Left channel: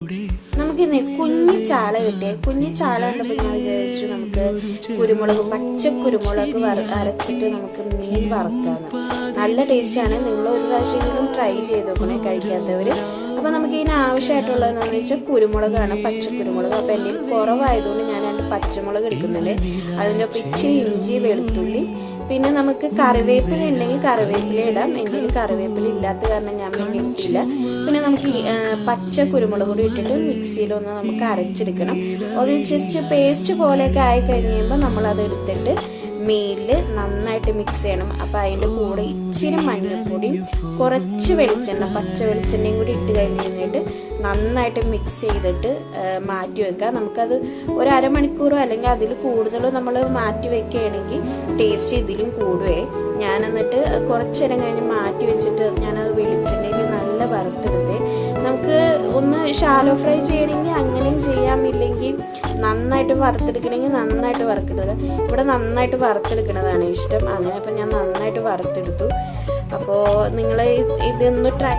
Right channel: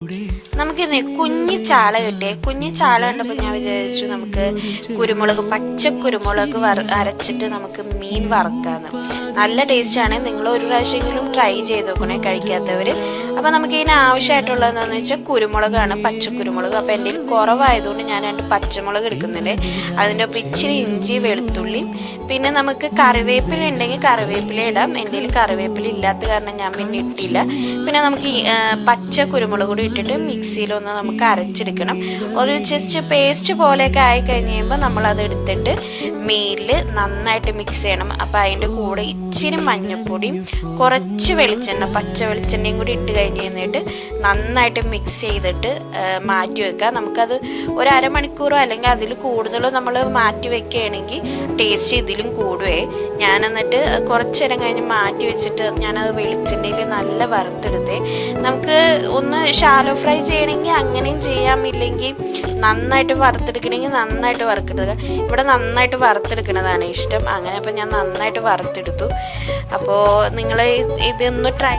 നമുക്കിന്ന് കുഞ്ഞി ചാള കിട്ടിയേ. കുഞ്ഞി ചാള കണ്ടപ്പോൾ ഞാൻ വിചാരിച്ചു നമുക്ക് കുരുമുളക്, പച്ച കുരുമുളക് അരച്ചിട്ട് നമുക്ക് മീൻ വറുക്കാന്ന്. നല്ല ടേസ്റ്റാണ്. നിങ്ങൾ ഒരു പ്രാവശ്യമെങ്കിലും ട്രൈ ചെയ്ത് നോക്കണേ കഴിക്കാത്തവർ. അപ്പോൾ നമുക്ക് ഇതിന് ആവശ്യമായിട്ടുള്ളതെന്ന് വെച്ചാൽ കുരുമുളകാണ്, പച്ച കുരുമുളക്. അപ്പോൾ എൻ്റെ കുറവായതുകൊണ്ട് ഞാൻ 2 പച്ചമുളക് എടുക്കുന്നുണ്ട്. അതിൻ്റെ ഒപ്പം ഇച്ചിരി ഇഞ്ചി, വെളുത്തുള്ളി, പിന്നെ നമുക്ക് കറിവേപ്പില ഉണ്ടെങ്കിൽ കറിവേപ്പില ഇടാം. എൻ്റെ കറിവേപ്പില ഇല്ലാത്ത കാരണം ഞാൻ വേണ്ടി ഇട്ടില്ല. പിന്നെ നമുക്ക് പച്ച കുരുമുളക് കൂടി ഇട്ടിട്ട് മിക്സിയിലൊന്ന് നമുക്ക് അരച്ചെടുക്കണം. ഒരു ജസ്റ്റ് പേസ്റ്റ് പോലെയൊക്കെ ആയി കഴിഞ്ഞ് കഴിയുമ്പോൾ നമ്മളത് എടുത്തിട്ട് മീനിൽ നന്നായിട്ട് മിക്സ് ചെയ്യണം. അപ്പോൾ അതിൻ്റെ കൂടെ ഇച്ചിരി മഞ്ഞൾപ്പൊടിയും കുറച്ച് വെളിച്ചെണ്ണ, പച്ച വെളിച്ചെണ്ണയും കൂടി ഇട്ട് കഴിഞ്ഞ് കഴിഞ്ഞിട്ട് നന്നായിട്ട് മിക്സ് ചെയ്തിട്ട് മാറ്റി വെക്കുക. നമുക്കത് ഒരു അരമണിക്കൂറോ അല്ലെങ്കിൽ അതിൽ കൂടുതലോ നമ്മൾ മാറ്റി വെക്കുകയാണെങ്കിൽ ടേസ്റ്റ് ഇതിലും കൂടുവേ. ഞാൻ എന്നിട്ട് കുറച്ച് നേരം കഴിഞ്ഞ് മാറ്റി വെച്ചിട്ട് ഞാനത് വെളിച്ചെണ്ണയിൽ നല്ല വറുത്തെടുത്തേ. നമുക്ക് ഒന്ന് ഷാലോ ഫ്രൈ ചെയ്യണമെങ്കിൽ അങ്ങനെയും ചെയ്യാം, ഇല്ലെങ്കിൽ നന്നായിട്ട് വറുത്തെടുക്കണമെങ്കിൽ നന്നായിട്ട് വറുത്തെടുക്കുക. ഇവിടെ നന്നായിട്ട് വറുത്തെടുക്കുന്നതാണ് ഇഷ്ടം. അങ്ങനെ അപ്പോൾ ഞാൻ നന്നായിട്ട് വറുത്തെടുത്തു. അപ്പോൾ നിങ്ങൾ ഇതൊന്ന് ട്രൈ